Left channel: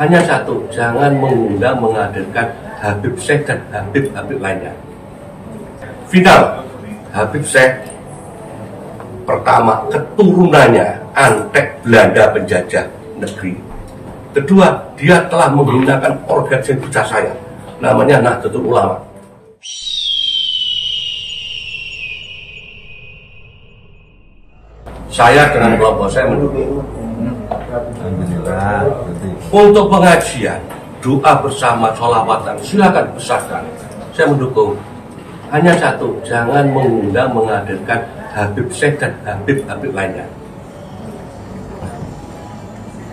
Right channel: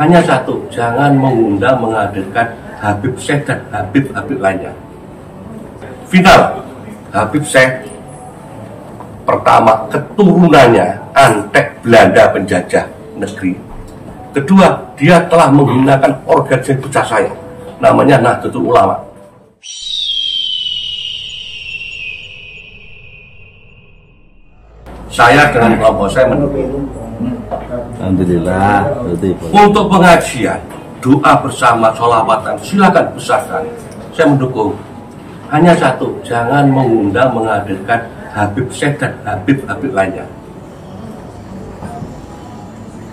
Hanya satu, jangan mengundang menghadirkan Habib Syekh dan Habib lainnya. Final, Habib Syekh pertama keturunannya Antek Belanda penjajah negeri. Kedua, dia telah menggunakan organisasi besar saya, namanya Nahdlatul Ulama. Saya dengan kelompok saya mendukung. Alhamdulillah. Untuk pengajian, doa bersama, sholawatan, silakan besarkan. Saya mendukung. Hanya satu, jangan mengundang menghadirkan Habib Syekh dan Habib lainnya.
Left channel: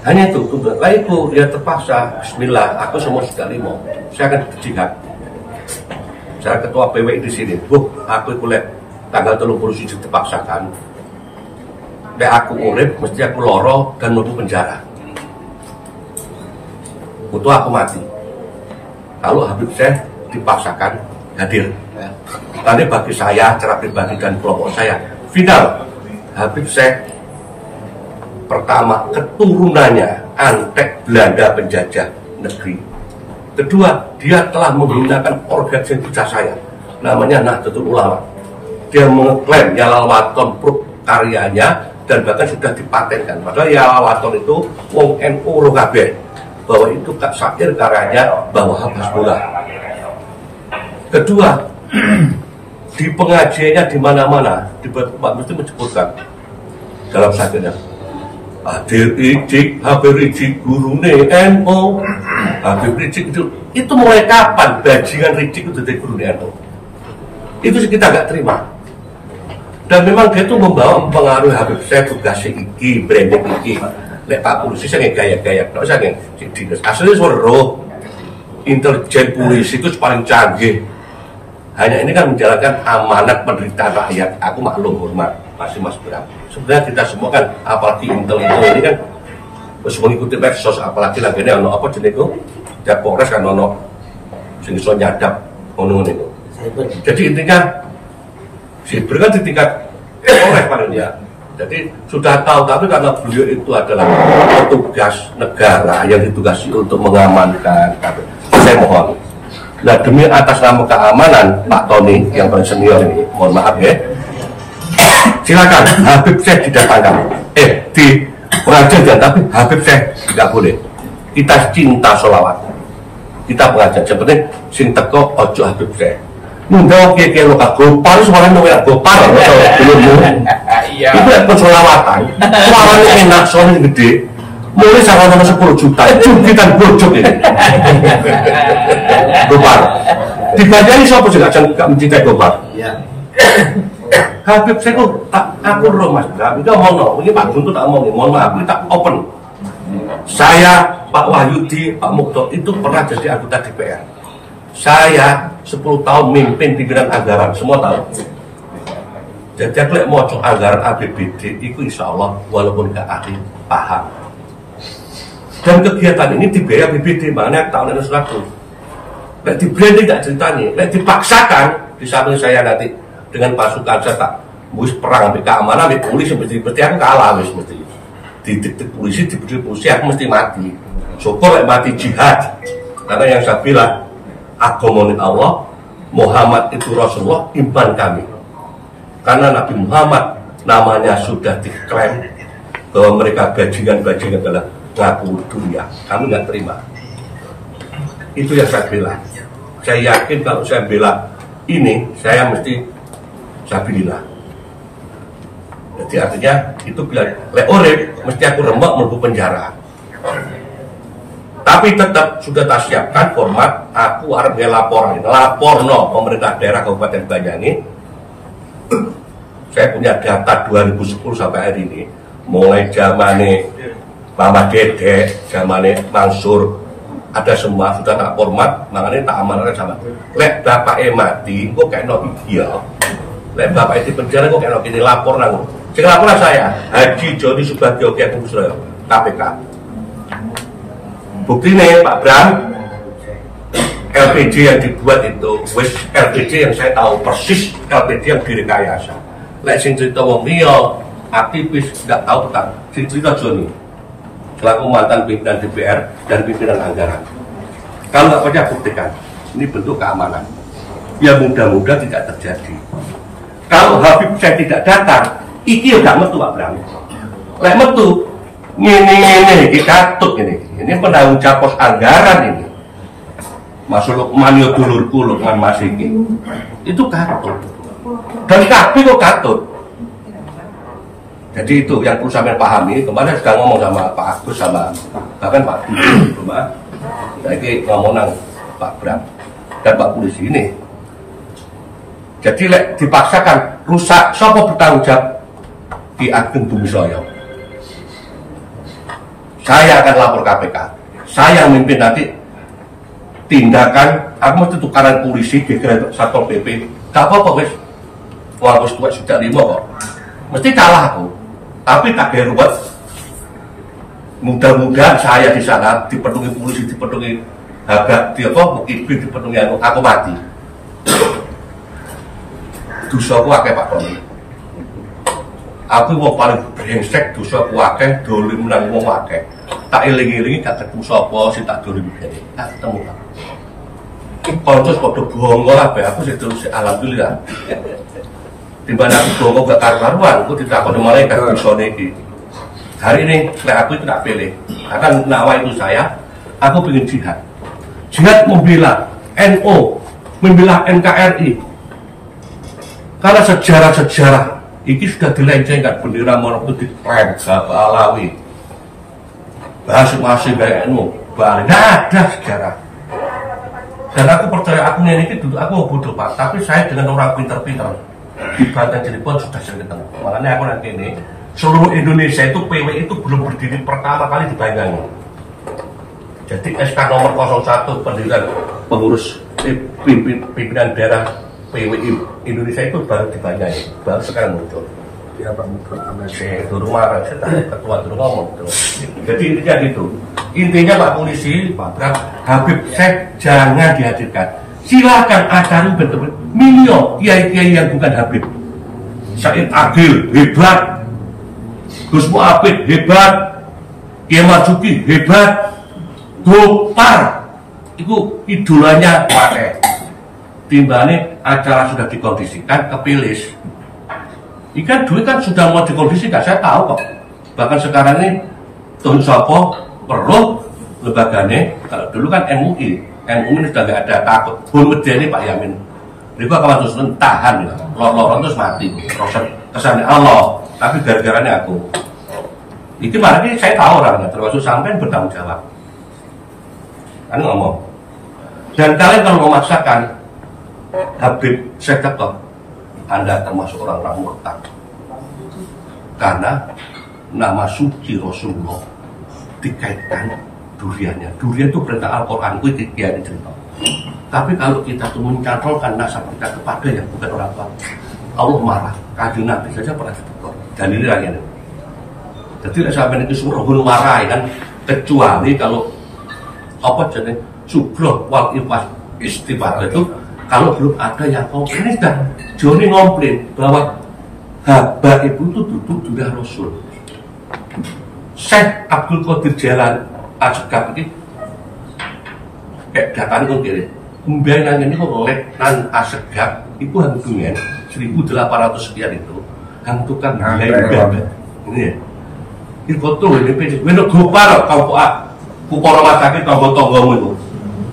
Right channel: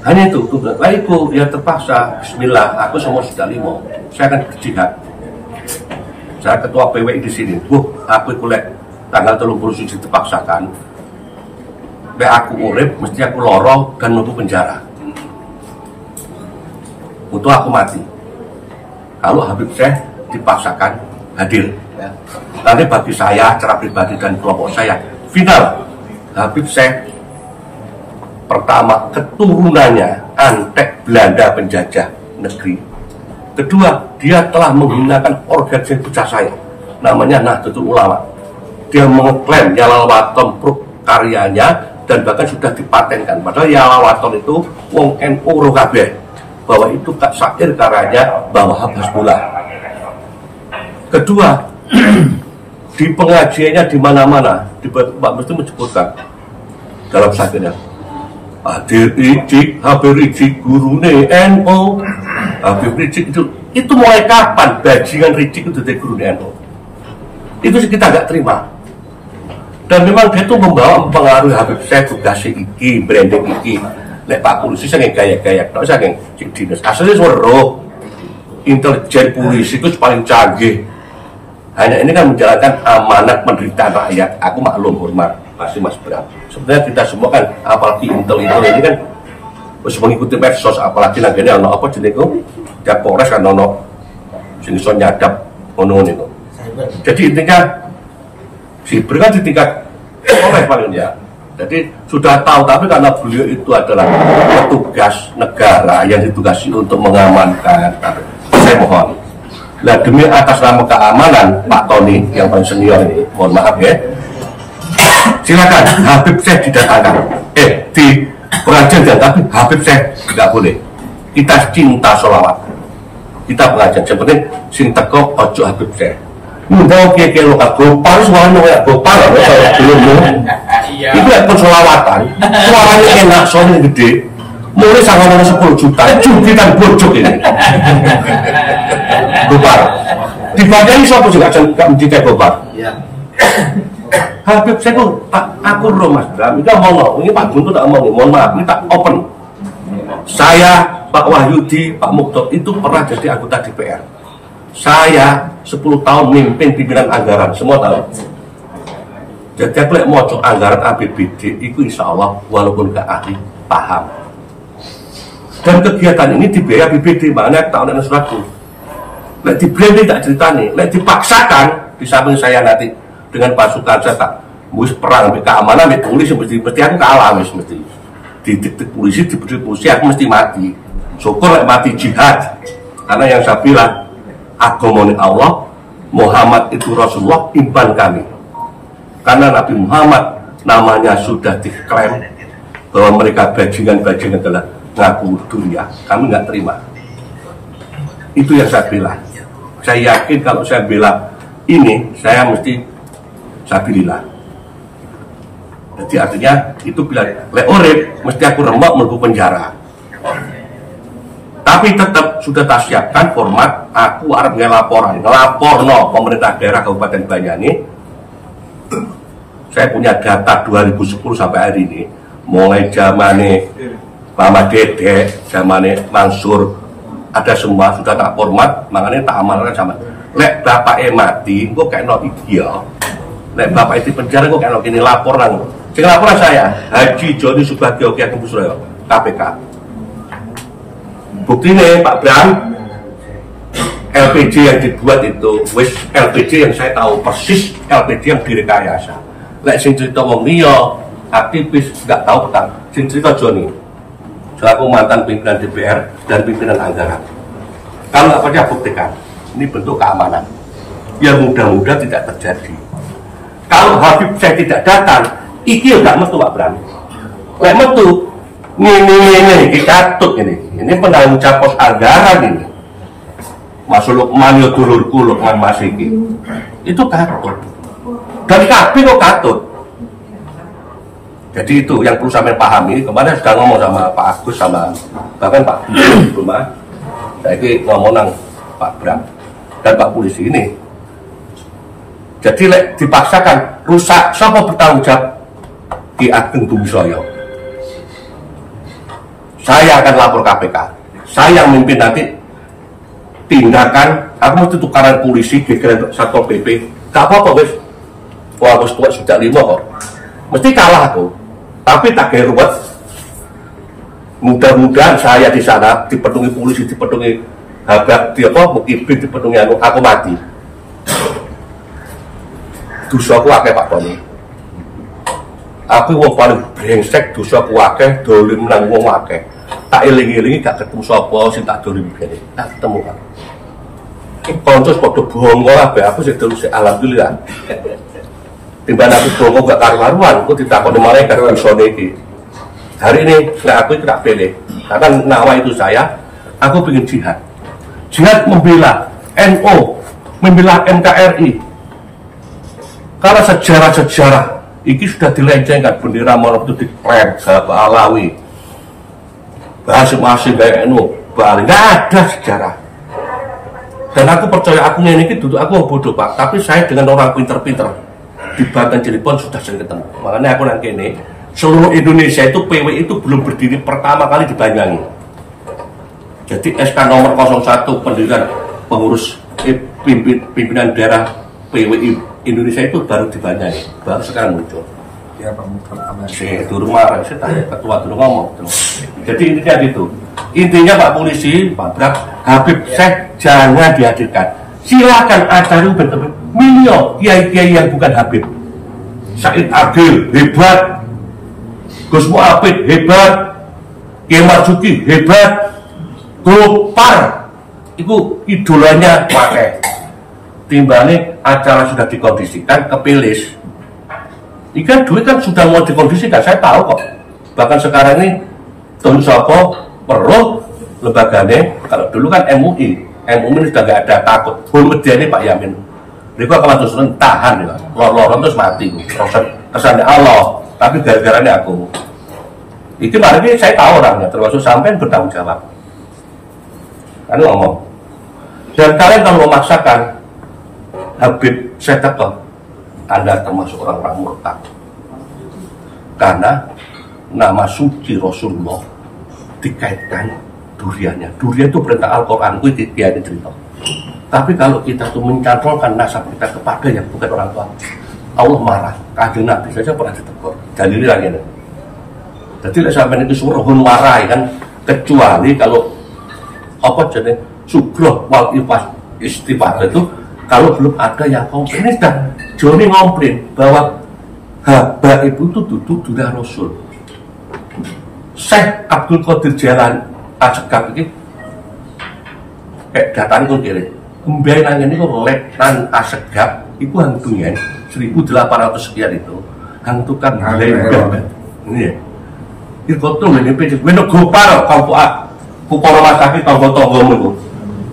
Hanya itu, lah itu dia terpaksa. Bismillah, aku semua sudah limo. Saya akan berjihad. Saya ketua PWI di sini. Aku kuliah tanggal 30 dipaksakan. Aku urip, mesti aku loro dan nunggu penjara. Untuk aku mati. Kalau Habib Syekh dipaksakan hadir. Nanti bagi saya, cara pribadi dan kelompok saya, final, Habib Syekh pertama keturunannya Antek Belanda penjajah negeri. Kedua, dia telah menggunakan organisasi besar saya, namanya Nahdlatul Ulama. Dia mengklaim Yalawaton karyanya dan bahkan sudah dipatenkan. Padahal Yalawaton itu wong NU Rokabeh, bahwa itu syair karyanya bahwa Habibullah. Kedua, di pengajiannya di mana-mana, di mesti menyebutkan dalam syairnya. Habib Rizik gurune NU. Habib Rizik itu mulai kapan bajingan Rizik itu dari gurune NU? Itu kita nggak terima. Dan memang dia itu mempengaruhi Habib Syekh tugas iki, branding iki. Nek Pak Polisi saya gaya-gaya, tak usah nggak dinas. Aslinya suruh intelijen polisi itu paling canggih. Hanya ini kan menjalankan amanat penderitaan rakyat. Aku maklum hormat masih Mas Bram. Sebenarnya kita semua kan, apalagi intel ini kan harus mengikuti medsos, apalagi nantinya ono apa jenis itu, tiap Polres kan ono jenis nyadap ono itu. Jadi intinya Siber kan di tingkat Polres paling ya. Jadi sudah tahu, tapi karena beliau itu adalah petugas negara yang ditugasi untuk mengamankan. Saya mohon, nah demi atas nama keamanan Pak Tony yang paling senior ini, mohon maaf ya, silakan Habib Syekh didatangkan. Di pengajian dan tapi Habib Syekh nggak boleh. Kita cinta sholawat, kita pengajian. Seperti sing teko ojo Habib Syekh. Mundang kira-kira lokal gopar, suaranya namanya gopar, belum. Itu ya pensolawatan, suaranya enak, suaranya gede. Mulai sama 10 juta, jukitan bojok ini. Gopar. Dibacanya siapa juga nggak mencintai gopar. Habib Syekh aku roh Mas Bram, itu ngomong, ini Pak Guntur tak ngomong, mohon maaf, ini tak open. Saya, Pak Wahyudi, Pak Mukto itu pernah jadi anggota DPR. Saya 10 tahun mimpin pimpinan anggaran, semua tahu. Jadi aku mau anggaran APBD, itu insya Allah walaupun gak ahli paham. Dan kegiatan ini dibiayai APBD, makanya tahun ini suratku. Nek dibranding tak ceritani, nek dipaksakan di samping saya nanti dengan pasukan saya tak mus perang keamanan di polisi mesti aku kalah mesti di polisi aku mesti mati. Syukur mati jihad, karena yang saya bilang agama Allah, Muhammad itu Rasulullah, imban kami. Karena Nabi Muhammad namanya sudah diklaim bahwa mereka bajingan-bajingan adalah ngaku dunia. Kami nggak terima. Itu yang saya bela. Saya yakin kalau saya bela ini, saya mesti sabilillah. Jadi artinya itu bila leorek mesti aku remuk melbu penjara. Tapi tetap sudah tak siapkan format aku harap ngelaporan, ngelaporno pemerintah daerah Kabupaten Banyani. Saya punya data 2010 sampai hari ini, mulai zamane Mama Dede, zamane Mansur, ada semua sudah tak format, makanya tak amankan sama. Lek bapak mati, kok kayak no ideal. Lek bapak itu penjara, kok kayak no kini laporan. Sing laporan saya, Haji Joni Subagio Kiai Suryo, KPK. Buktinya Pak Bram, LPG yang dibuat itu, LPG yang saya tahu persis, LPG yang direkayasa. Lek sing cerita wong liya, aktivis tidak tahu petang, sing cerita Joni selaku mantan pimpinan DPR dan pimpinan anggaran. Kalau nggak percaya buktikan, ini bentuk keamanan. Ya mudah-mudahan tidak terjadi. Kalau Habib saya tidak datang, iki tidak metu Pak Bram. Lek metu, ini katut ini penanggung jawab pos anggaran ini. Mas Lukman yo dulurku Lukman Mas iki. Itu katut. Dan kabeh kok katut. Jadi itu yang perlu sampai pahami. Kemarin sudah ngomong sama Pak Agus sama bahkan Pak Budi di rumah. Saya ini ngomong nang Pak Bram dan Pak Polisi ini. Jadi lek dipaksakan rusak, siapa bertanggung jawab? Ki Ageng Bumi Soyo. Saya akan lapor KPK. Saya yang memimpin nanti tindakan. Aku mau tukaran polisi, gegeran Satpol PP. Tak apa-apa wes. Wah, harus buat sudah 5 kok. Mesti kalah aku. Tapi tak geruat. Mudah-mudahan saya di sana dipenuhi polisi, dipenuhi habak, mukibri, dipenuhi aku mati. Dosaku akeh Pak Tony. Aku wong paling brengsek, dosaku akeh, dolim nang wong akeh. Tak eling-elingi gak ketemu sapa sing tak dolim kene. Tak ketemu Pak. Ki kanca padha bongo kabeh, aku sik terus alhamdulillah. Timbang aku bongo gak karu-karuan, aku ditakoni malaikat dosane iki. Hari ini aku itu tak pilih. Karena nawa itu saya, aku ingin jihad. Jihad membela NU, membela NKRI. Karena sejarah-sejarah ini sudah dilencengkan, bendera Maulana itu diklaim Pak Alawi, bahasa masing baik NU, Bali, nggak ada sejarah. Dan aku percaya aku ini duduk aku bodoh Pak, tapi saya dengan orang pinter-pinter di Banten Cirebon sudah sering ketemu. Makanya aku nang kene, seluruh Indonesia itu PW itu belum berdiri pertama kali di Banyuwangi. Jadi SK nomor 01 pendirian pengurus pimpinan daerah PWI Indonesia itu baru Banyuwangi, baru sekarang muncul. Ya Pak pertama. Itu rumah ketua dulu ngomong. Jadi intinya gitu. Intinya Pak Polisi, Pak Bram, Habib Syekh jangan dihadirkan. Silakan ajarin betul-betul milio kiai-kiai yang bukan Habib. Said Agil hebat, Gus Mu'abid hebat, Kiai Marzuki hebat, Gopar itu idolanya pakai. Timbangnya acara sudah dikondisikan kepilis. Ikan duit kan sudah mau dikondisikan, saya tahu kok. Bahkan sekarang ini Tun Sopo perlu lembaganya. Kalau dulu kan MUI ini sudah nggak ada takut. Media ini Pak Yamin. Mereka akan terus tahan, lor-loron terus mati. Proses kesannya Allah, tapi gara-garanya aku. Itu malah ini saya tahu orangnya, termasuk sampai bertanggung jawab. Anu ngomong. Dan kalian kalau memaksakan Habib saya teko, Anda termasuk orang-orang murtad. Karena nama suci Rasulullah dikaitkan duriannya. Durian itu perintah Al-Quran, itu tidak cerita. Tapi kalau kita tuh mencantolkan nasab kita kepada yang bukan orang tua, Allah marah. Kanjeng Nabi saja pernah ditegur. Dalilnya ini. Jadi sampai itu suruh marah kan, kecuali kalau apa jenis subroh wal istighfar itu kalau belum ada yang komplain. Ini sudah Joni komplain bahwa haba itu tuh duduk dunia Rasul. Syekh Abdul Qadir Jalan Asegaf ini datang itu kiri kembali nanya ini kok lek nang Asegaf itu hantunya 1800 sekian itu hantukan ini ya itu tuh ini pecah ini Gopar kupar rumah sakit tonggo-tonggo itu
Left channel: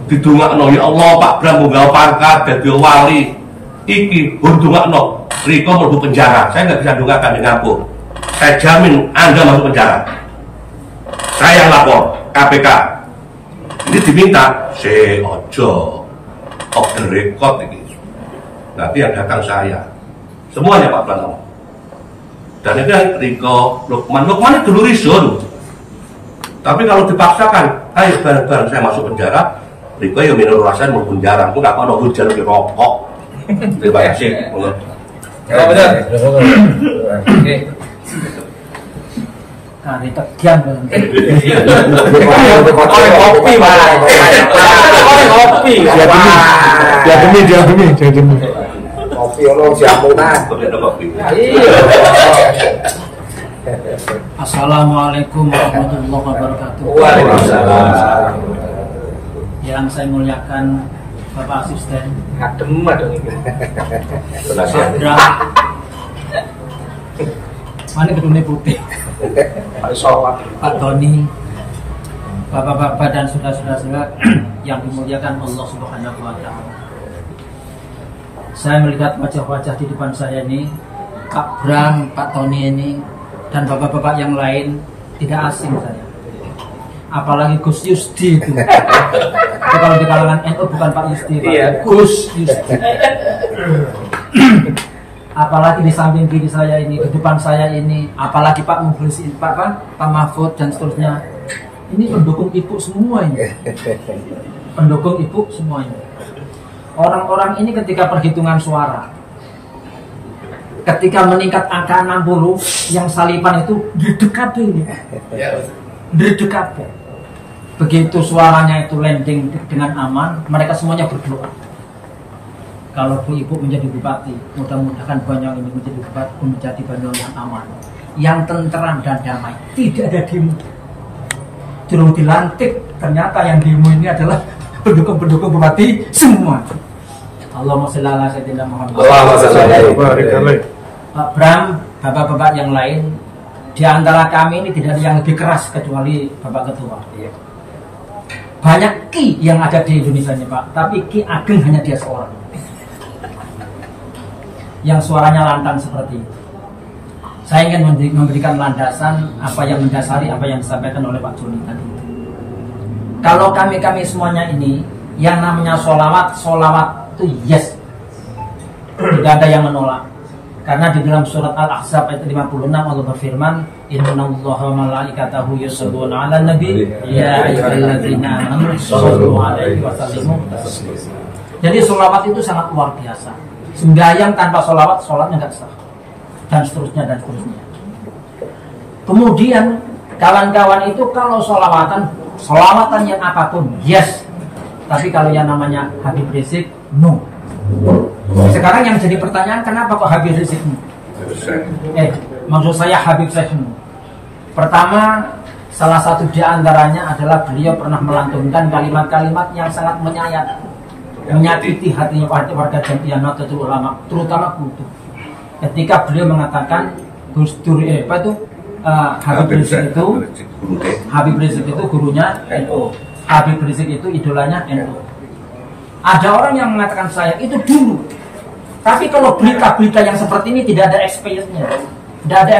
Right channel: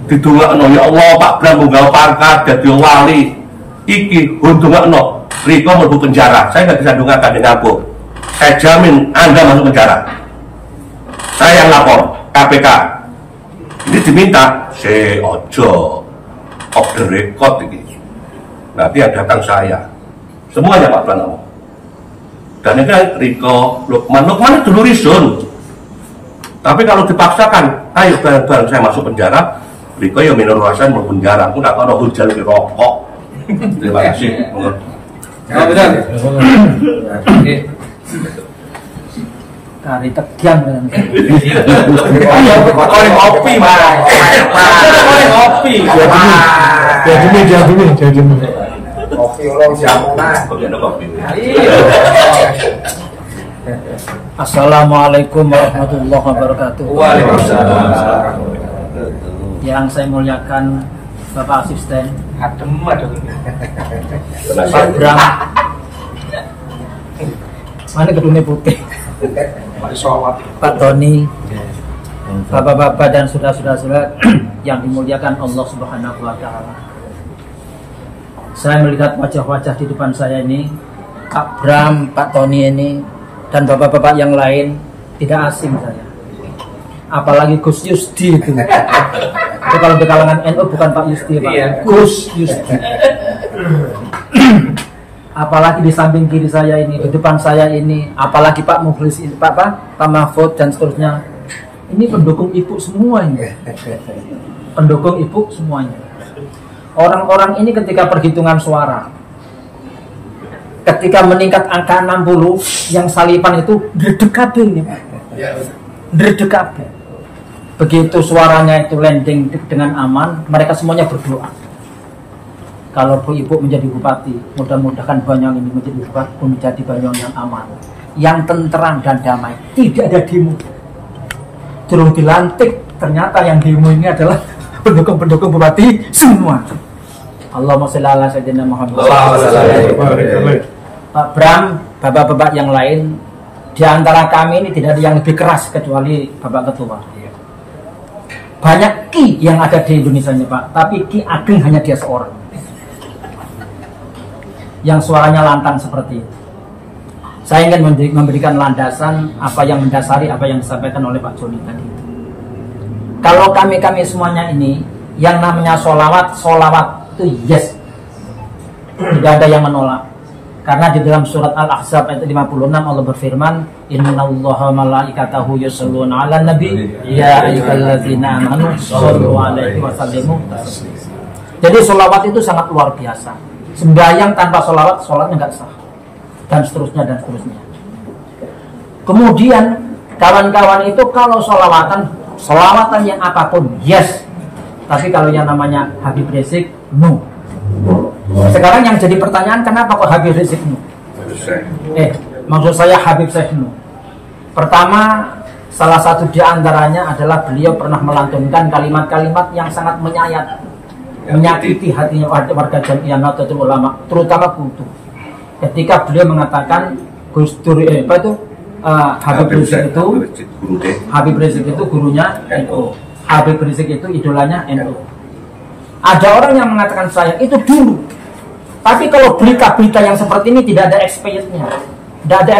didungakno ya Allah Pak Bram munggal pangkat jadi wali iki dungakno Riko masuk penjara. Saya nggak bisa dongakkan di kampung. Saya jamin Anda masuk penjara. Saya yang lapor KPK. Ini diminta ojo off the record ini. Nanti yang datang saya. Semuanya Pak Pranowo. Dan itu Riko Lukman itu dulu risun. Tapi kalau dipaksakan, ayo bareng-bareng saya masuk penjara. Riko yang minum rasan mau penjara. Aku nggak tahu hujan di rokok. Terima kasih. Ya benar. Oke. Kari tegian kan. Koreng kopi, Pak. Koreng kopi. Dia demi. Kopi lo jamunan. Kopi ada kopi. Assalamualaikum warahmatullahi wabarakatuh. Waalaikumsalam. Yang saya muliakan Bapak Asisten, Adem adem. Pak Bram, mana gedungnya putih, Pak Tony, Bapak-bapak dan saudara-saudara yang dimuliakan Allah Subhanahu wa Ta'ala. Saya melihat wajah-wajah di depan saya ini, Pak Bram, Pak Tony ini, dan bapak-bapak yang lain tidak asing saya. Apalagi Gus Yusdi itu. Itu kalau di kalangan NU bukan Pak Yusdi, Pak Gus Yusdi. Apalagi di samping kiri saya ini, di depan saya ini, apalagi Pak Mukhlis, Pak Mahfud dan seterusnya. Ini pendukung ibu semuanya. Pendukung ibu semuanya. Orang-orang ini ketika perhitungan suara, ketika meningkat angka 60, yang salipan itu derdekabil. Derdekabil. Begitu suaranya itu landing dengan aman, mereka semuanya berdoa. Kalau ibu menjadi bupati, mudah-mudahan Banyuwangi ini menjadi Banyuwangi yang aman, yang tenteram dan damai, tidak ada demo. Turun dilantik, ternyata yang demo ini adalah pendukung-pendukung bupati semua. Allahumma sholli ala sayyidina Muhammad. Pak Bram, bapak-bapak yang lain, di antara kami ini tidak ada yang lebih keras kecuali Bapak Ketua. Banyak Ki yang ada di Indonesia ini Pak, tapi Ki Ageng hanya dia seorang yang suaranya lantang seperti itu. Saya ingin memberikan landasan apa yang mendasari apa yang disampaikan oleh Pak Joni tadi. Kalau kami semuanya ini yang namanya solawat itu yes, tidak ada yang menolak. Karena di dalam surat Al-Ahzab ayat 56 Allah berfirman, Innallaha malaikatahu yusholluna 'alan nabi ya ayyuhalladzina amanu shollu 'alaihi wa sallimu taslima. Jadi solawat itu sangat luar biasa. Sembahyang tanpa solawat, sholatnya nggak sah. Dan seterusnya dan seterusnya. Kemudian kawan-kawan itu kalau solawatan yang apapun yes, tapi kalau yang namanya Habib Rizik no. Sekarang yang jadi pertanyaan, kenapa kok Habib Rizik no? Maksud saya Habib Syekh no. Pertama, salah satu di antaranya adalah beliau pernah melantunkan kalimat-kalimat yang sangat menyakiti hati warga Jamiah Nahdlatul Ulama, terutama kultur. Ketika beliau mengatakan Gus Dur Habib Rizik itu gurunya NU, Habib Rizik itu idolanya NU. Ada orang yang mengatakan saya itu dulu, tapi kalau berita-berita yang seperti ini tidak ada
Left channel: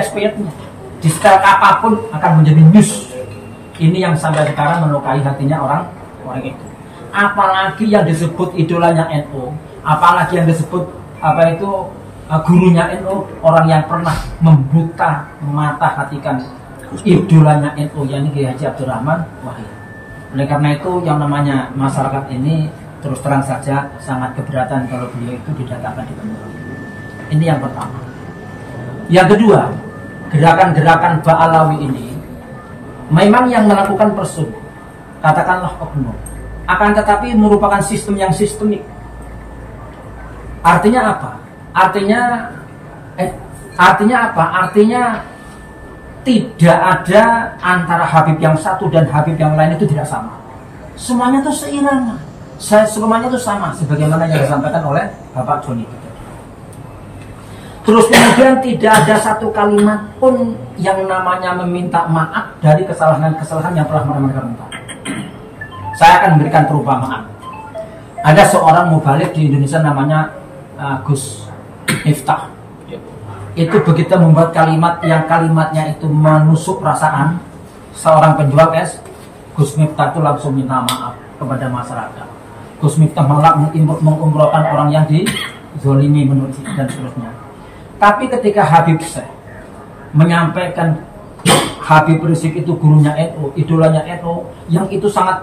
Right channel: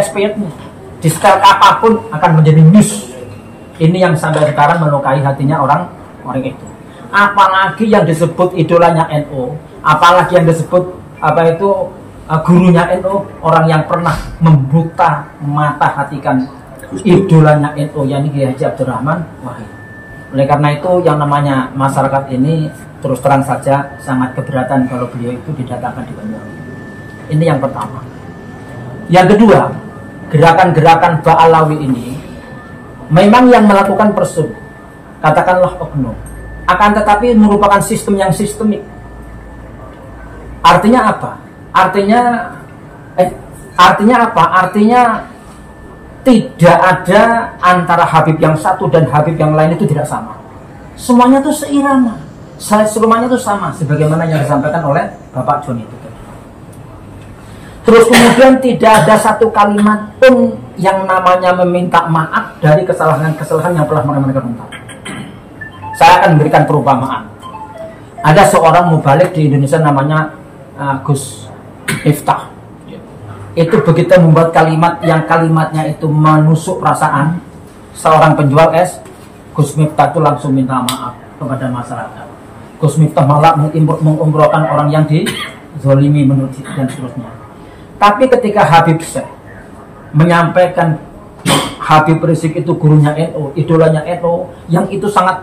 expirednya, di style apapun akan menjadi news. Ini yang sampai sekarang melukai hatinya orang itu. Apalagi yang disebut idolanya NU, apalagi yang disebut gurunya NU, orang yang pernah membuka mata hatikan idolanya NU, yakni Kiai Haji Abdurrahman Wahid. Oleh karena itu yang namanya masyarakat ini terus terang saja sangat keberatan kalau beliau itu didatangkan di Banyuwangi. Ini yang pertama. Yang kedua, gerakan-gerakan Ba'alawi ini memang yang melakukan persut, katakanlah oknum, akan tetapi merupakan sistem yang sistemik. Artinya apa? Artinya apa? Artinya tidak ada antara Habib yang satu dan Habib yang lain itu tidak sama. Semuanya itu seirama. Semuanya itu sama, sebagaimana yang disampaikan oleh Bapak Joni. Terus kemudian tidak ada satu kalimat pun yang namanya meminta maaf dari kesalahan-kesalahan yang pernah mereka minta. Saya akan memberikan perumpamaan. Ada seorang mubalik di Indonesia namanya Gus Miftah. Itu begitu membuat kalimat yang kalimatnya itu menusuk perasaan seorang penjual es, Gus Miftah itu langsung minta maaf kepada masyarakat. Gus Miftah malah mengumrohkan orang yang dizolimi menurut dan seterusnya. Tapi ketika Habib Syekh menyampaikan Habib Rizik itu gurunya NU, idolanya NU, yang itu sangat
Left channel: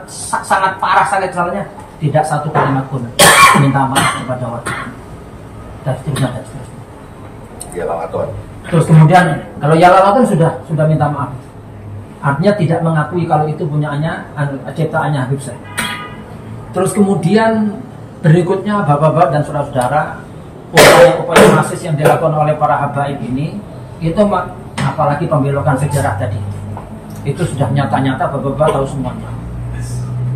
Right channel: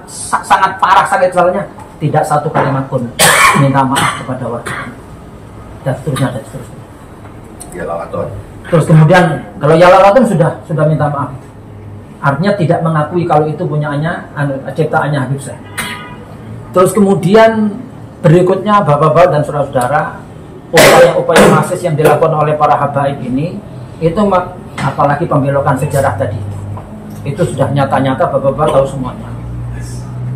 parah sekali kesalahannya, tidak satu kalimat pun minta maaf kepada warga dan seterusnya dan seterusnya. Ya Lalaton. Terus kemudian kalau ya Lalaton sudah minta maaf, artinya tidak mengakui kalau itu punyaannya ciptaannya Habib Syekh. Terus kemudian berikutnya bapak-bapak dan saudara-saudara, upaya-upaya masif yang dilakukan oleh para habaib ini itu apalagi pembelokan sejarah tadi. Itu sudah nyata-nyata, Bapak-bapak tahu semuanya.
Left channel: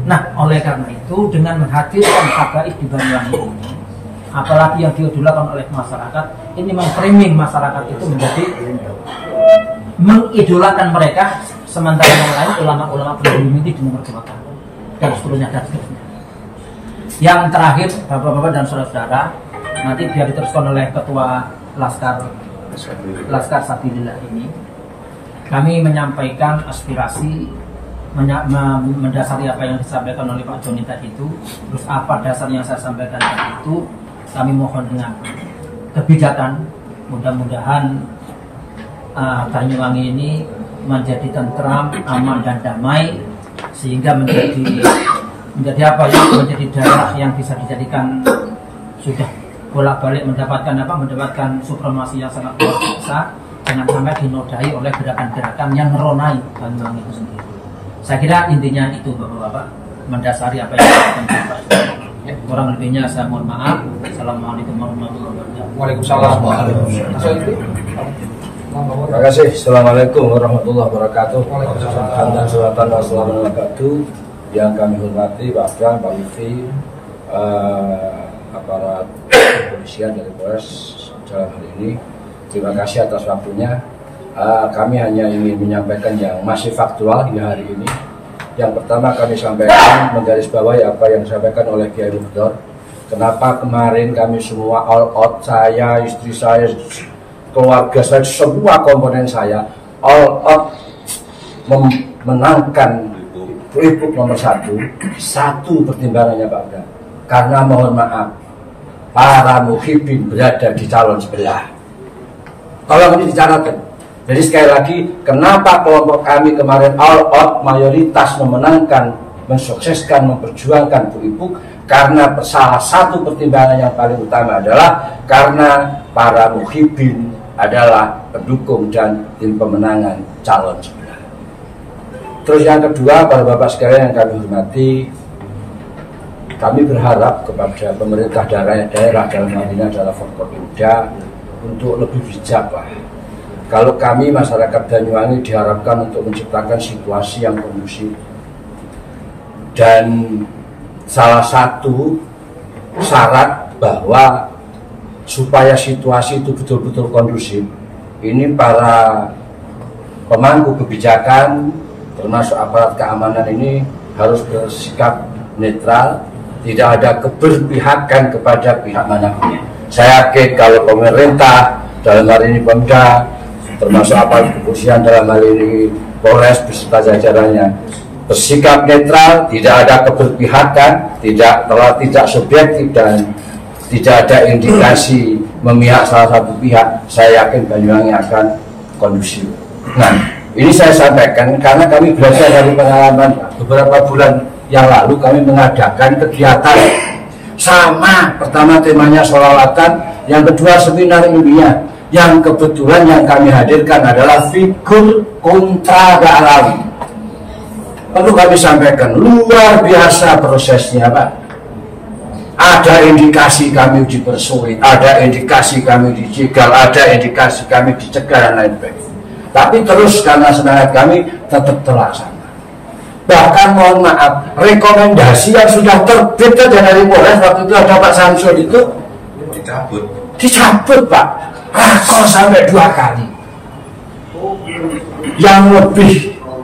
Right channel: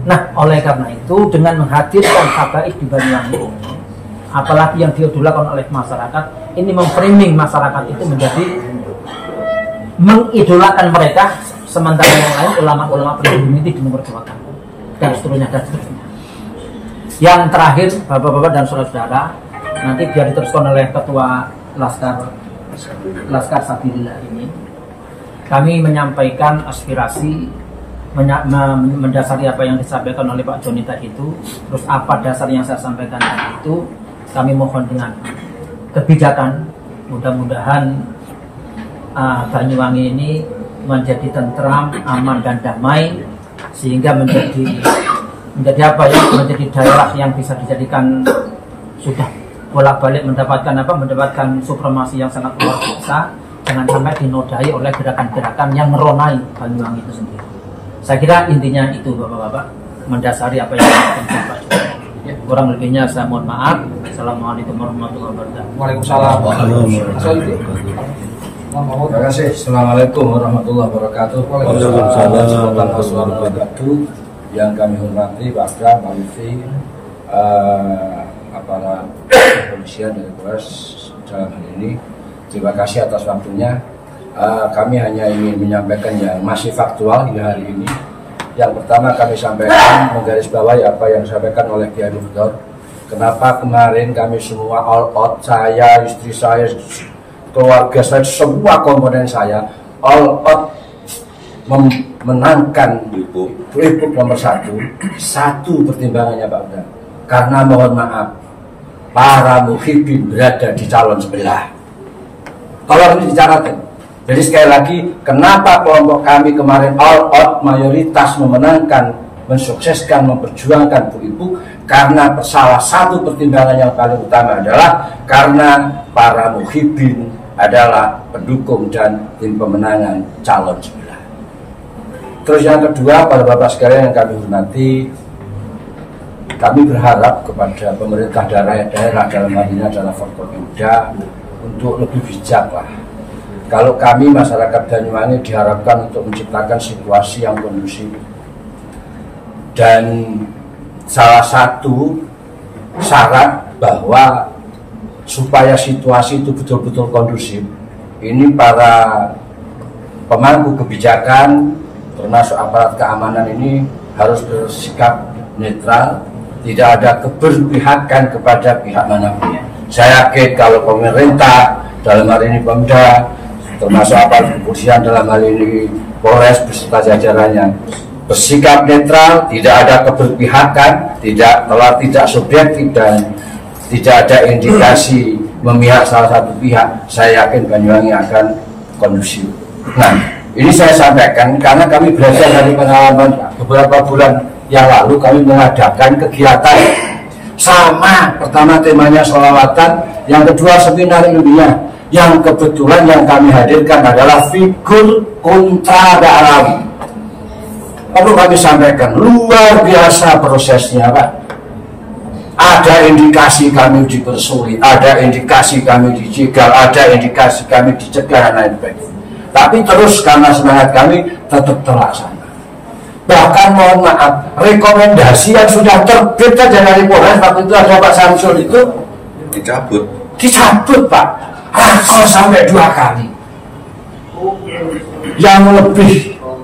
Nah, oleh karena itu dengan menghadirkan habaib di Banyuwangi ini, apalagi yang dilakukan oleh masyarakat, ini memframing masyarakat itu menjadi mengidolakan mereka, sementara yang lain ulama-ulama pribumi itu memperjuangkan dan seterusnya dan seterusnya. Yang terakhir, Bapak-bapak dan saudara-saudara, nanti biar diteruskan oleh Ketua Laskar Sabilillah ini, kami menyampaikan aspirasi mendasari apa yang disampaikan oleh Pak Joni tadi itu. Terus apa dasar yang saya sampaikan tadi itu, kami mohon dengan kebijakan, mudah-mudahan Banyuwangi ini menjadi tentram, aman dan damai, sehingga menjadi apa ya, menjadi daerah yang bisa dijadikan sudah bolak-balik mendapatkan supremasi yang sangat luar biasa, jangan sampai dinodai oleh gerakan-gerakan yang meronai Banyuwangi itu sendiri. Saya kira intinya itu, Bapak-bapak, mendasari apa yang disampaikan Pak. Kurang lebihnya saya mohon maaf. Assalamualaikum warahmatullahi wabarakatuh. Waalaikumsalam. Terima kasih. Assalamualaikum warahmatullahi wabarakatuh. Wassalamualaikum yang kami hormati Pak Bram, Pak Lutfi, aparat kepolisian dari Polres dalam hal ini. Terima kasih atas waktunya. Kami hanya ingin menyampaikan yang masih faktual hingga hari ini. Yang pertama kami sampaikan menggarisbawahi apa yang disampaikan oleh Kiai Mufdor. Kenapa kemarin kami semua all out, saya, istri saya, keluarga saya, semua komponen saya all out memenangkan Pilgub nomor 1 pertimbangannya Pak Bram. Karena mohon maaf, para muhibin berada di calon sebelah. Tolong ini dicatatkan. Jadi sekali lagi, kenapa kelompok kami kemarin all out mayoritas memenangkan, mensukseskan, memperjuangkan Bu Ibu? Karena salah satu pertimbangan yang paling utama adalah karena para muhibin adalah pendukung dan tim pemenangan calon sebelah. Terus yang kedua, para bapak sekalian yang kami hormati, kami berharap kepada pemerintah daerah dalam hal ini adalah Forkopimda untuk lebih bijak lah. Kalau kami masyarakat Banyuwangi diharapkan untuk menciptakan situasi yang kondusif, dan salah satu syarat bahwa supaya situasi itu betul-betul kondusif, ini para pemangku kebijakan termasuk aparat keamanan ini harus bersikap netral, tidak ada keberpihakan kepada pihak manapun. Saya yakin kalau pemerintah dalam hal ini Pemda, termasuk aparat kepolisian dalam hal ini Polres beserta jajarannya bersikap netral, tidak ada keberpihakan, tidak subjektif dan tidak ada indikasi memihak salah satu pihak, saya yakin Banyuwangi akan kondusif. Nah, ini saya sampaikan karena kami belajar dari pengalaman beberapa bulan yang lalu. Kami mengadakan kegiatan sama, pertama temanya sholawatan, yang kedua seminar ilmiah. Yang kebetulan yang kami hadirkan adalah figur kontra Alawi. Perlu kami sampaikan, luar biasa prosesnya Pak. Ada indikasi kami dipersulit, ada indikasi kami dijegal, ada indikasi kami dicegah dan lain sebagainya. Tapi terus karena semangat kami tetap terlaksana. Bahkan mohon maaf, rekomendasi yang sudah terbit dari Polres waktu itu ada Pak Samsul itu dicabut Pak. Rakor sampai 2 kali. Yang lebih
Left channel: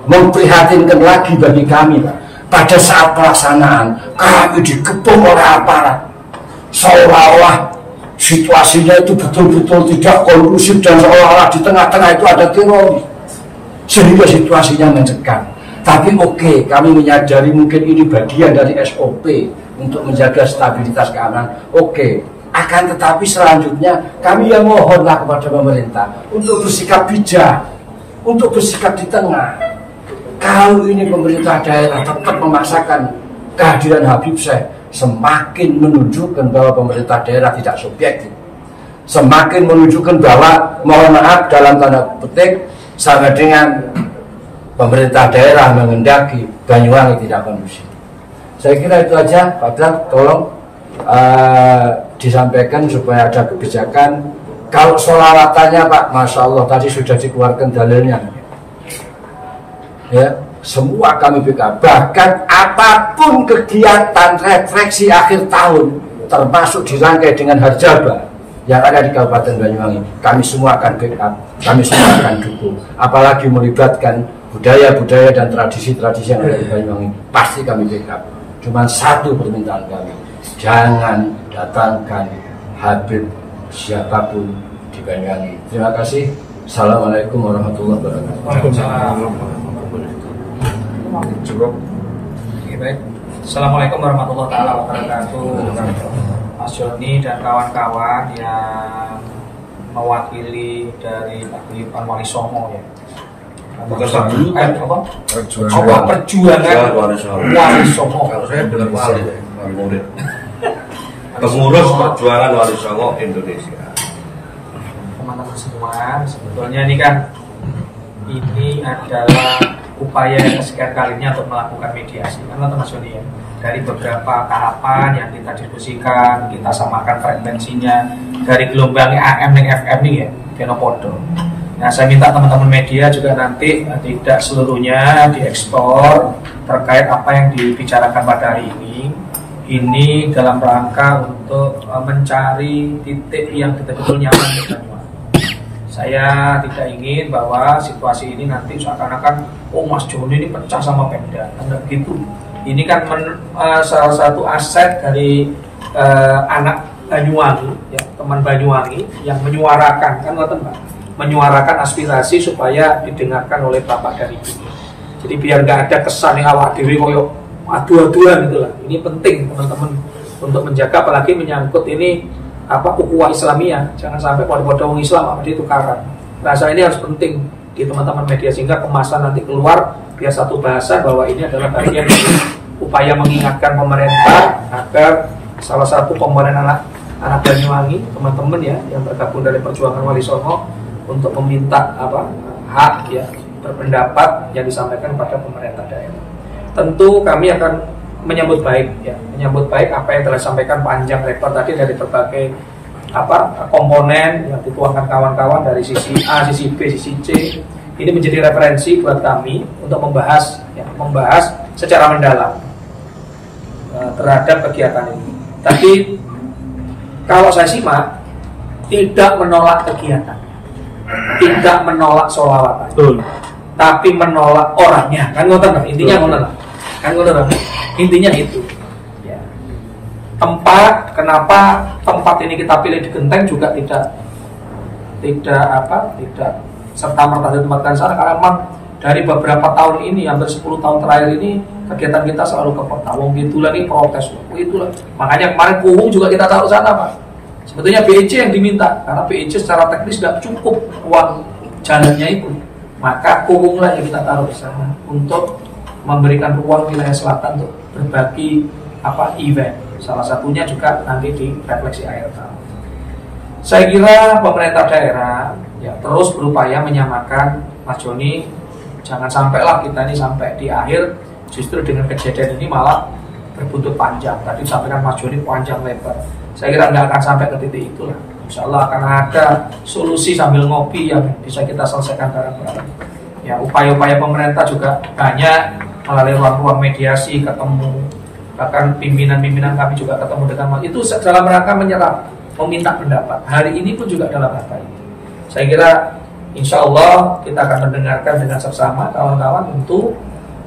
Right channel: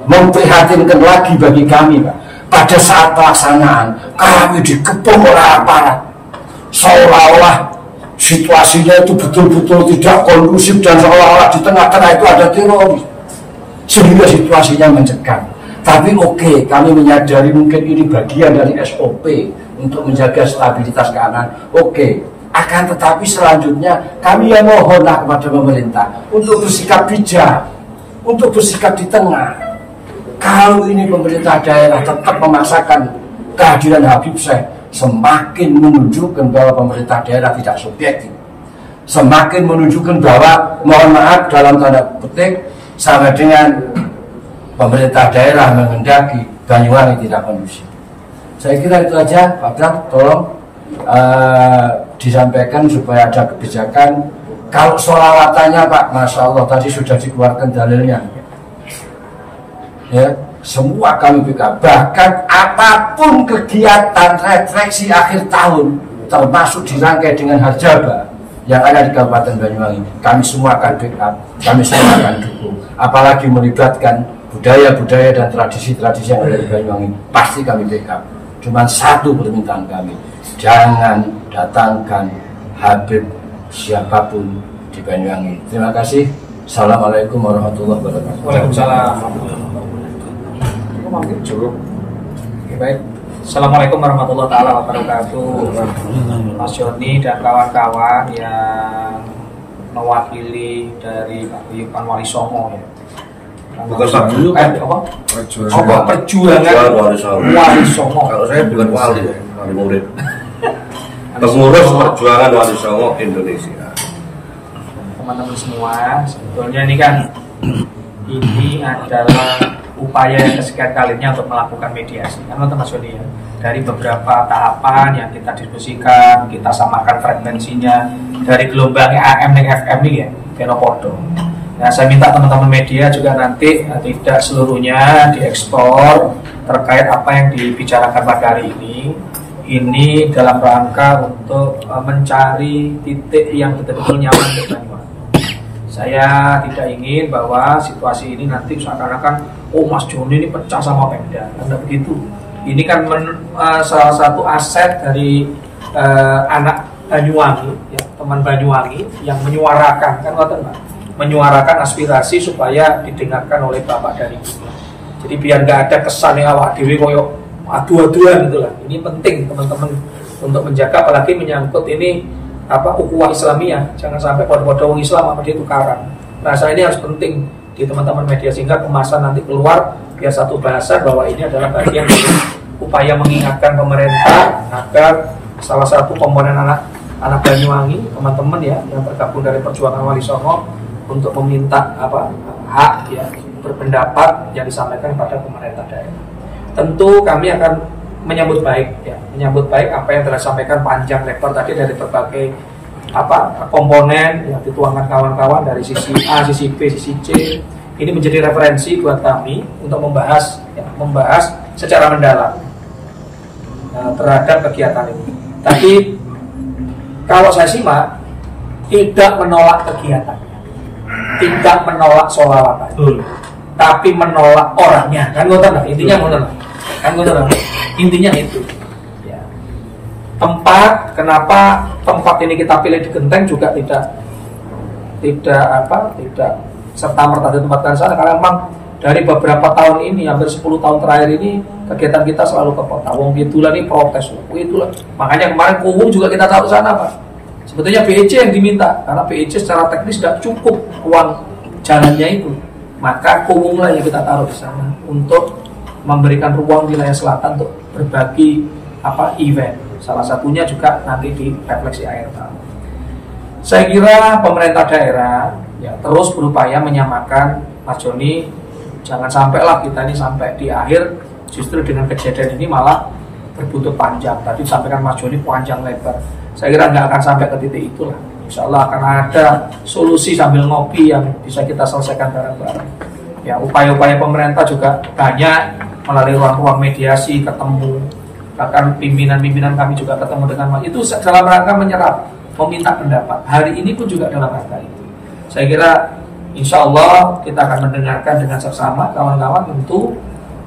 memprihatinkan lagi bagi kami Pak, pada saat pelaksanaan kami dikepung oleh aparat, seolah-olah situasinya itu betul-betul tidak kondusif dan seolah-olah di tengah-tengah itu ada teroris, sehingga situasinya mencekam. Tapi oke, kami menyadari mungkin ini bagian dari SOP untuk menjaga stabilitas keamanan. Oke. Akan tetapi selanjutnya kami yang mohonlah kepada pemerintah untuk bersikap bijak, untuk bersikap di tengah. Kalau ini pemerintah daerah tetap memaksakan kehadiran Habib Syekh, semakin menunjukkan bahwa pemerintah daerah tidak subjektif, semakin menunjukkan bahwa mohon maaf dalam tanda petik sama dengan pemerintah daerah menghendaki Banyuwangi tidak kondusif. Saya kira itu aja Pak Bram, tolong disampaikan supaya ada kebijakan. Kalau sholawatannya Pak, Masya Allah tadi sudah dikeluarkan dalilnya. Ya, semua kami backup. Bahkan apapun kegiatan refleksi akhir tahun, termasuk dirangkai dengan harjaba yang ada di Kabupaten Banyuwangi, kami semua akan backup, kami semua akan dukung. Apalagi melibatkan budaya-budaya dan tradisi-tradisi yang ada di Banyuwangi, pasti kami backup. Cuman satu permintaan kami, jangan datangkan Habib siapapun di Banyuwangi. Terima kasih. Assalamualaikum warahmatullahi wabarakatuh. Waalaikumsalam. Cukup. Oke, baik. Assalamualaikum warahmatullahi wabarakatuh. Mas Joni dan kawan-kawan yang mewakili dari Pak Guyupan Wali Songo ya. Perjuangan Wali Songo. Kalau saya bukan wali, wali murid. Pengurus perjuangan Wali Songo Indonesia. Teman-teman semua, sebetulnya ini kan adalah upaya yang kesekian kalinya untuk melakukan mediasi, kan Mas Joni ya. Dari beberapa tahapan yang kita diskusikan, kita samakan frekuensinya dari gelombang AM dan FM ini ya, Kenopodo. Nah, saya minta teman-teman media juga nanti tidak seluruhnya diekspor terkait apa yang dibicarakan pada hari ini. Ini dalam rangka untuk mencari titik yang betul-betul nyaman untuk Banyuwangi. Saya tidak ingin bahwa situasi ini nanti seakan-akan, oh Mas Joni ini pecah sama Pemda, anda begitu. Ini kan salah satu aset dari anak Banyuwangi, ya, teman Banyuwangi yang menyuarakan, kan Pak, menyuarakan aspirasi supaya didengarkan oleh Bapak dan Ibu. Jadi biar nggak ada kesan yang awak dewi koyok adu-aduan gitu lah. Ini penting teman-teman untuk menjaga, apalagi menyangkut ini ukhuwah Islamiyah. Jangan sampai pada orang Islam apa dia tukaran. Rasa ini harus penting di teman-teman media sehingga kemasan nanti keluar biar satu bahasa bahwa ini adalah bagian dari upaya mengingatkan pemerintah agar salah satu komponen anak Banyuwangi, teman-teman ya yang bergabung dari perjuangan Wali Songo untuk meminta hak ya berpendapat yang disampaikan kepada pemerintah daerah. Tentu kami akan menyambut baik apa yang telah disampaikan panjang lebar tadi dari berbagai komponen yang dituangkan kawan-kawan dari sisi A, sisi B, sisi C. Ini menjadi referensi buat kami untuk membahas secara mendalam terhadap kegiatan ini. Tapi kalau saya simak tidak menolak kegiatannya, tidak menolak sholawatan, tapi menolak orangnya. Kan ngoten lah, intinya ngoten lah. Intinya itu. Ya. Kenapa tempat ini kita pilih di Genteng juga tidak serta-merta ditempatkan sana, karena memang dari beberapa tahun ini, hampir 10 tahun terakhir ini kegiatan kita selalu ke Petawong itulah nih protes itulah. Makanya kemarin Kuwung juga kita tahu sana Pak. Sebetulnya BEC yang diminta karena BEC secara teknis tidak cukup uang jalannya itu. Maka Kuwung lah yang kita taruh di sana untuk memberikan ruang wilayah selatan untuk berbagi event. Salah satunya juga nanti di refleksi akhir tahun. Saya kira pemerintah daerah ya terus berupaya menyamakan Mas Joni. Jangan sampailah kita ini sampai di akhir justru dengan kejadian ini malah berbuntut panjang. Tadi disampaikan Mas Joni panjang lebar. Saya kira nggak akan sampai ke titik itulah. Insya Allah akan ada solusi sambil ngopi yang bisa kita selesaikan bareng-bareng. Ya, upaya-upaya pemerintah juga banyak melalui ruang-ruang mediasi, ketemu, bahkan pimpinan-pimpinan kami juga ketemu dengan itu dalam rangka menyerap, meminta pendapat. Hari ini pun juga dalam rangka itu. Saya kira insya Allah kita akan mendengarkan dengan seksama kawan-kawan. Tentu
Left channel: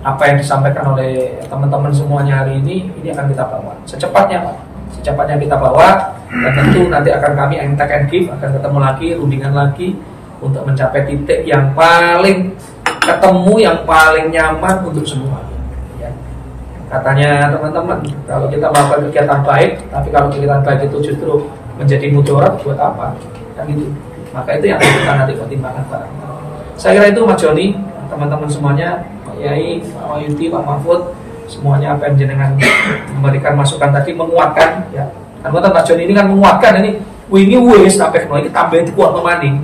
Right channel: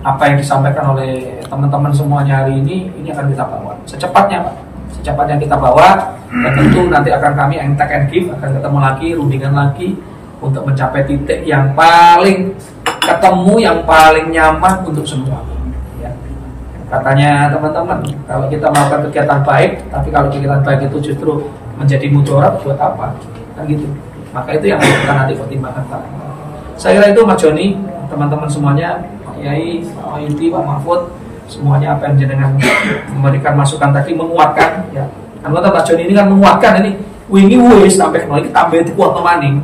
apa yang disampaikan oleh teman-teman semuanya hari ini akan kita bawa secepatnya Pak. Secepatnya kita bawa, dan tentu nanti akan kami take and give, akan ketemu lagi, rundingan lagi untuk mencapai titik yang paling ketemu, yang paling nyaman untuk semua. Ya. Katanya teman-teman, kalau kita melakukan kegiatan baik, tapi kalau kegiatan baik itu justru menjadi mudarat, buat apa? Kan gitu. Maka itu yang kita nanti pertimbangkan bareng. Saya kira itu Mas Joni, teman-teman semuanya, Pak Yai, Pak Wayuti, Pak Mahfud, semuanya apa yang jenengan memberikan masukan tadi menguatkan ya. Kan Mas Joni ini kan menguatkan ini wingi wis sampai ini tambah dikuat temani,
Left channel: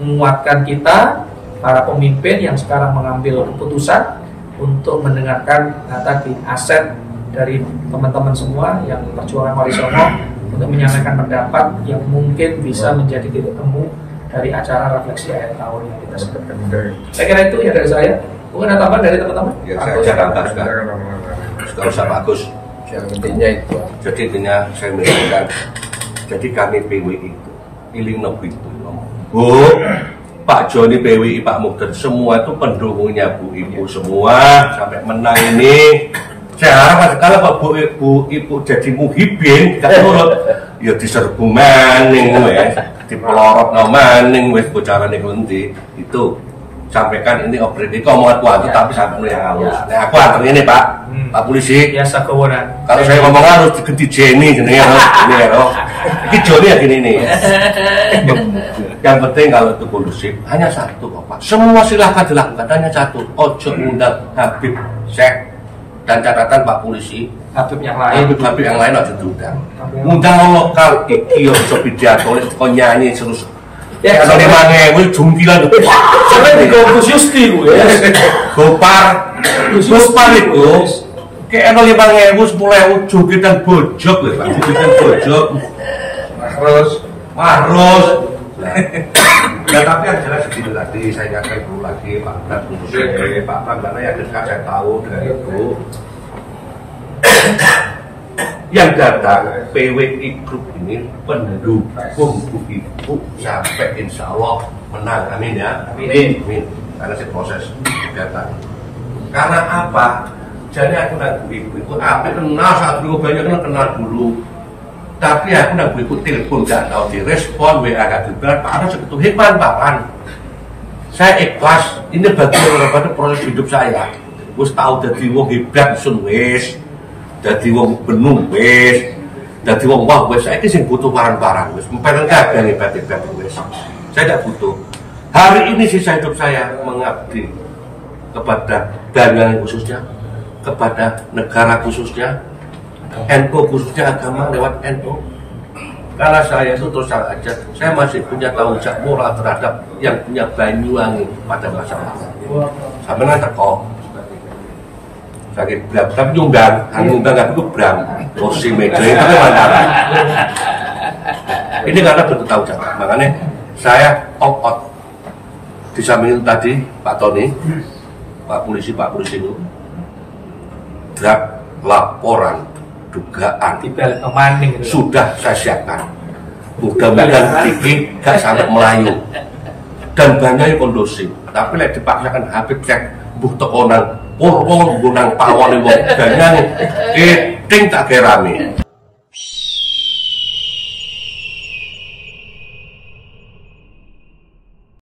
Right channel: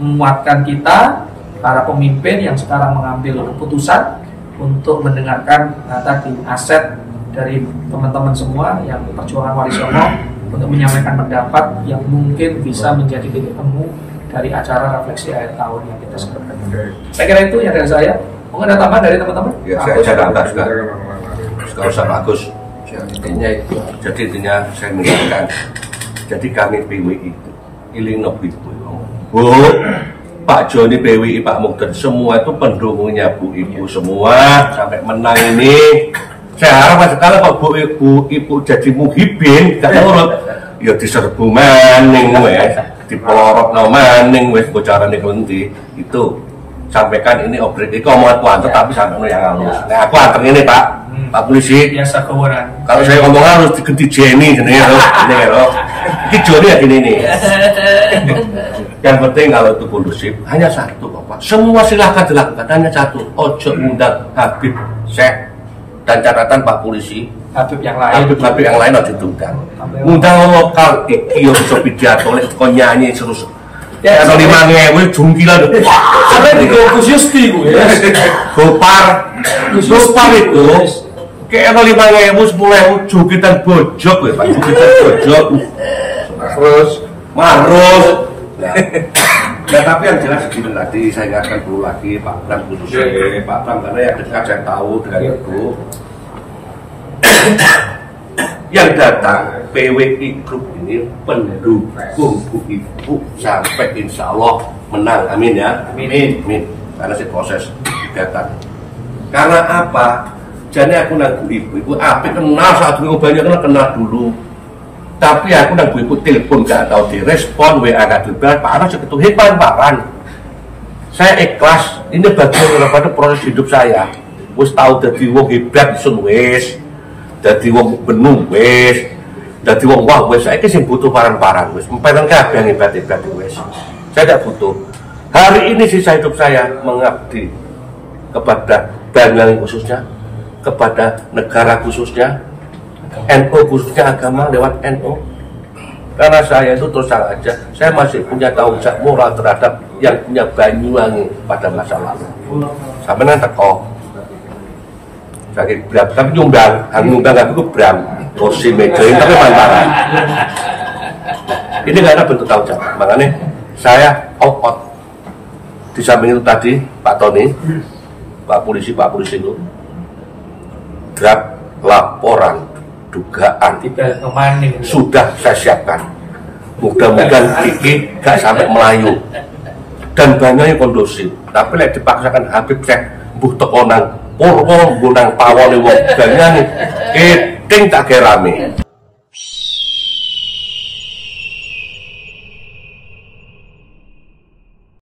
menguatkan kita para pemimpin yang sekarang mengambil keputusan untuk mendengarkan tadi aset dari teman-teman semua yang perjuangan Wali Songo untuk menyampaikan pendapat yang mungkin bisa menjadi titik temu dari acara refleksi akhir tahun yang kita sebutkan. Saya kira itu ya dari saya. Mungkin ada tambahan dari teman-teman? Ya, saya tambah sudah. Kalau Ustaz Bagus, jadi intinya saya mengingatkan. Jadi kami PWI itu iling nopo ibu, Bu, Pak Joni PWI, Pak Mukden, semua itu pendukungnya Bu Ibu semua sampai menang ini. Saya harap kalau Pak Ibu jadi muhibin, gak nurut, ya diserbu maning wes, dipelorot no maning wes bocaran nanti itu. Sampaikan ini obrol ini omongan kuat, tapi sampai yang halus. Nah, aku anternya nih Pak, Pak Polisi. Biasa kewenangan. Kalau saya ngomong halus diganti Jenny, ini ya, ini Joni ya gini nih. Yang penting kalau itu kondusif hanya satu kok Pak. Semua silahkan dilakukan hanya satu. Ojo undang Habib Syekh dan catatan Pak Polisi. Habib yang lain. Habib yang lain ojo diundang. Undang lokal iki yo bisa pidato oleh kok nyanyi terus. Ya, kalau 5.000 jungkilan tuh. Karena di Gus Yusti gue. Gopar itu kayak 5.000 10.000 jukitan bojok ya Pak. Jukitan bojok. Marus. Nah tapi yang jelas begini tadi saya ingatkan dulu lagi Pak Bram khususnya Pak Bram karena yang dekat saya tahu dengan itu. Yang datang PWI Group ini pendukung Bu Ibu sampai insya Allah menang, amin ya, amin. Karena si proses datang. Karena apa? Jadi aku dan Bu Ibu itu api kenal saat dulu banyak kenal dulu. Tapi aku dan Bu Ibu telepon gak tahu direspon WA gak juga. Pak Anas itu hebat Pak. Saya ikhlas. Ini bagian daripada proses hidup saya. Wis tahu jadi wong hebat sun wis. Dadi wong benung wis, dadi wong wah wis saiki sing butuh parang-parang wis mpen kabeh hebat-hebat wis. Saya tidak butuh. Hari ini sisa hidup saya mengabdi kepada Banyuwangi khususnya, kepada negara khususnya, NU khususnya agama lewat NU. Karena saya itu terus terang aja, saya masih punya tanggung jawab moral terhadap yang punya Banyuwangi pada masa lalu. Sampai nanti kok. Sakit berat, tapi nyumbang aku Bram, kursi meja tapi mantaran. Ini karena bentuk tanggung jawab, makanya saya out. Di samping itu tadi Pak Tony, Pak Polisi itu draft laporan dugaan sudah saya siapkan. Mudah-mudahan ini gak sampai Melayu dan banyaknya kondusif. Tapi lek dipaksakan Habib Syekh mbuh teko nang Purwo, gunang pawon wong banyak, keting tak kira rame.